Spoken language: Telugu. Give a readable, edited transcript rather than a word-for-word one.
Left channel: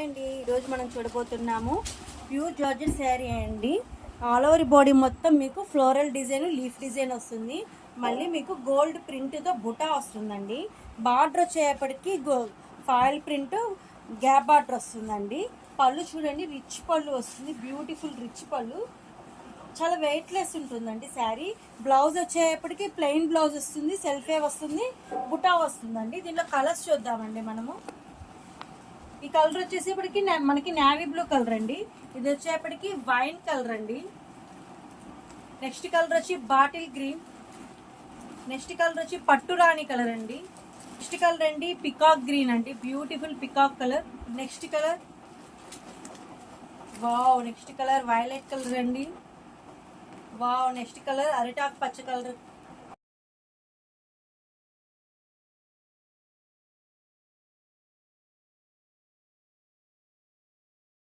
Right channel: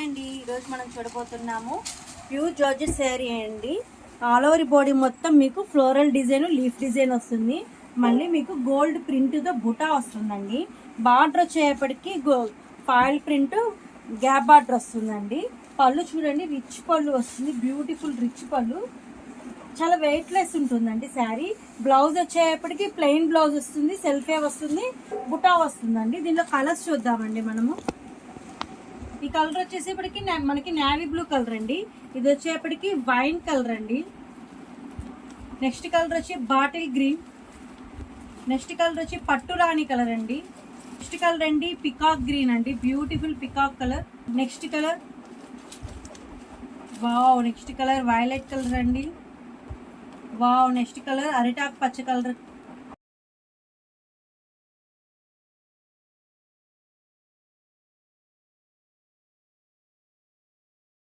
హాయ్ అండి, ఈరోజు మనం చూడబోతున్నాము ప్యూర్ జార్జెట్ శారీ అండి. ఆల్ ఓవర్ బాడీ మొత్తం మీకు ఫ్లోరల్ డిజైన్, లీఫ్ డిజైన్ వస్తుంది. మళ్ళీ మీకు గోల్డ్ ప్రింట్తో బుటా వస్తుందండి. బార్డర్ వచ్చేపటికి ఫాయిల్ ప్రింట్ గ్యాప్ బార్డర్ వస్తుందండి. పళ్ళు చూడండి, రిచ్ పళ్ళు వస్తుంది, బ్యూటిఫుల్ రిచ్ పళ్ళు, చాలా వెయిట్లెస్ ఉంటుందండి శారీ. బ్లౌజ్ వచ్చేపటికి ప్లెయిన్ బ్లౌజ్ వస్తుంది, సెల్ఫే వస్తుంది, బుటా వస్తుందండి. దీనిలో కలర్స్ చూద్దామండి మనము. ఈ కలర్ వచ్చేసేపటికి మనకి నేవీ బ్లూ కలర్ అండి. ఇది వచ్చేపటికి వైన్ కలర్ అండి. నెక్స్ట్ కలర్ వచ్చి బాటిల్ గ్రీన్. నెక్స్ట్ కలర్ వచ్చి పట్టు రాణి కలర్ అండి. నెక్స్ట్ కలర్ అండి పికాక్ గ్రీన్ అండి, beautiful peacock colour. Next colour wow, next colour violet colour అండి. వావ్, నెక్స్ట్ కలర్ అరిటాక్ పచ్చ కలర్